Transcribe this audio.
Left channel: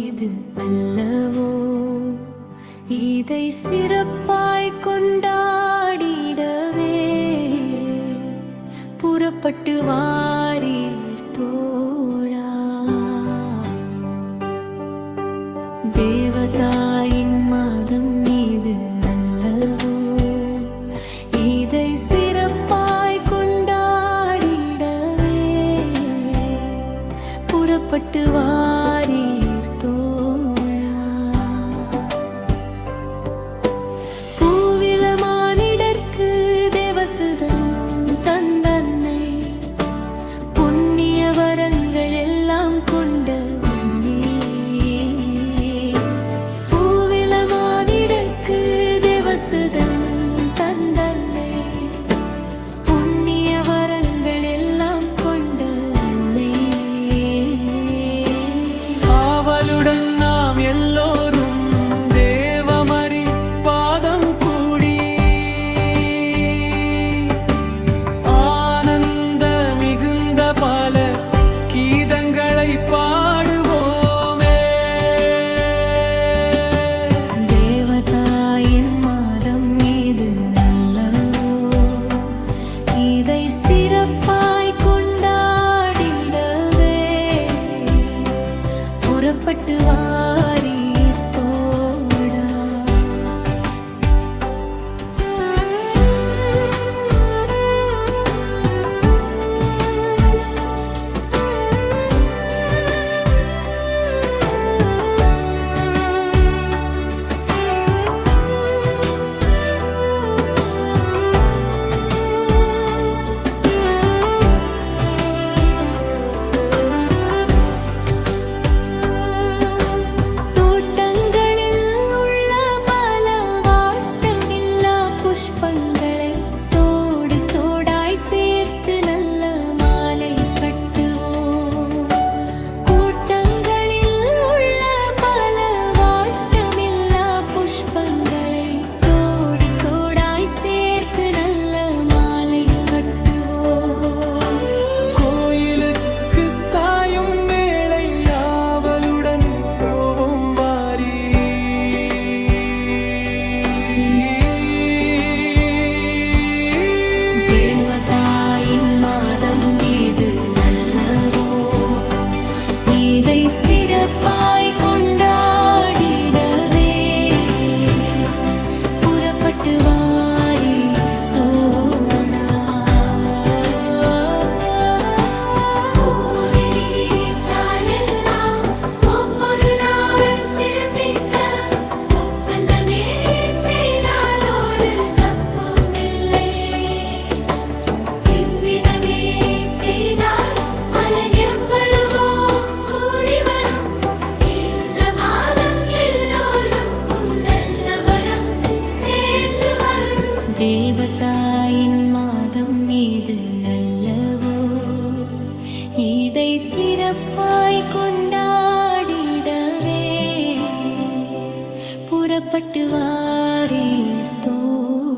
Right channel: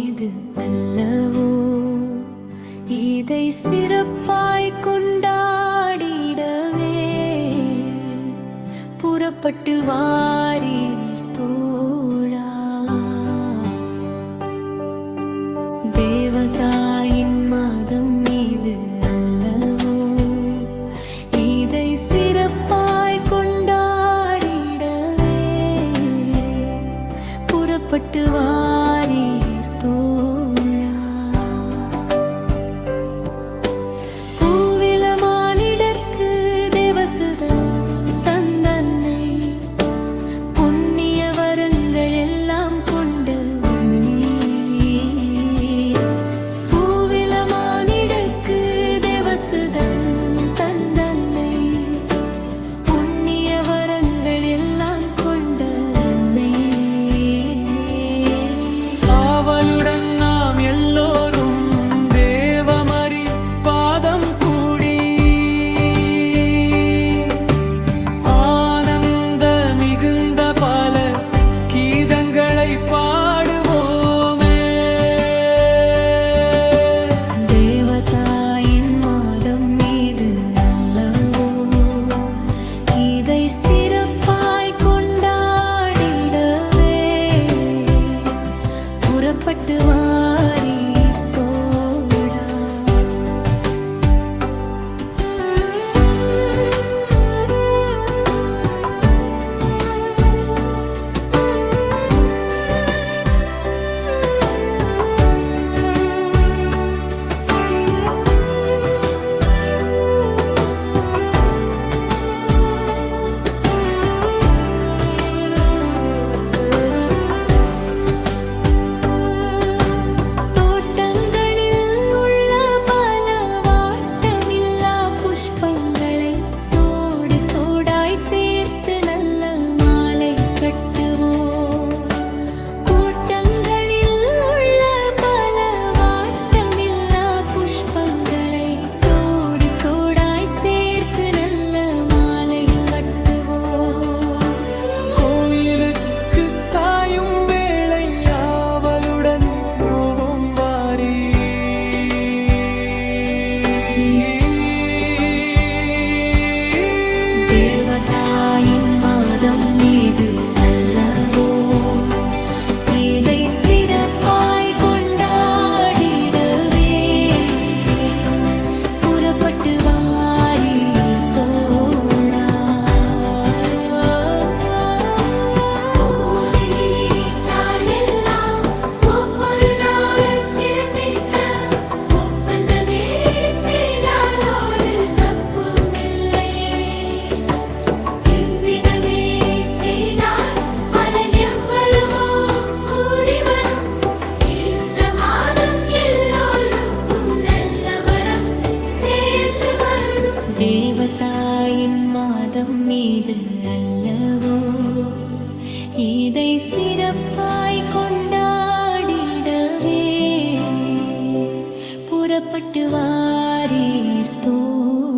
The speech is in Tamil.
இது அல்லவோ, இதை சிறப்பாய் கொண்டாடிடவே புறப்பட்டு வாரீர் தோழா. தேவதாயின் மாதம் இது அல்லவோ, இதை சிறப்பாய் கொண்டாடிடவே புறப்பட்டு வாரீர் தோழா. பூவில மானிடர்க்கு தேவசுதன் தந்தன்னை, புண்ணிய வரங்கள் எல்லாம் கொண்ட உன்னே. பூவில மானிடர்க்கு தேவசுதன் தந்தன்னை, புண்ணிய வரங்கள் எல்லாம் கொண்ட அன்னை. ஆவலுடன் நாம் எல்லோரும் தேவமரி பாதம் கூடி ஆனந்த மிகுந்த பல கீதங்களை பாடுவோமே. தேவதாயின் மாதம் இது அல்லவோ, இதை சிறப்பாய் கொண்டாடிடவே புறப்பட்டு வாரீர் தோழா. புஷ்பங்களை சோடு சோடாய் சேர்த்து நல்ல மாலை கட்டுவோம். கூட்டங்களில் உள்ள பல வாட்டமில்லா புஷ்பங்களை சோடு சோடாய் சேர்த்து நல்ல மாலை கட்டுவோம். கோயிலுக்கு சாயும் வேளை ஆவலுடன் போவோம் வாரி. தேவதாயின் மாதம் இது அல்லவோ, இதை சிறப்பாய் கொண்டாடிடவே புறப்பட்டு வாரீர் தோழா. தேவதாயின் மாதம் இது அல்லவோ, இதை சிறப்பாய் கொண்டாடிடவே புறப்பட்டு வாரீர் தோழா.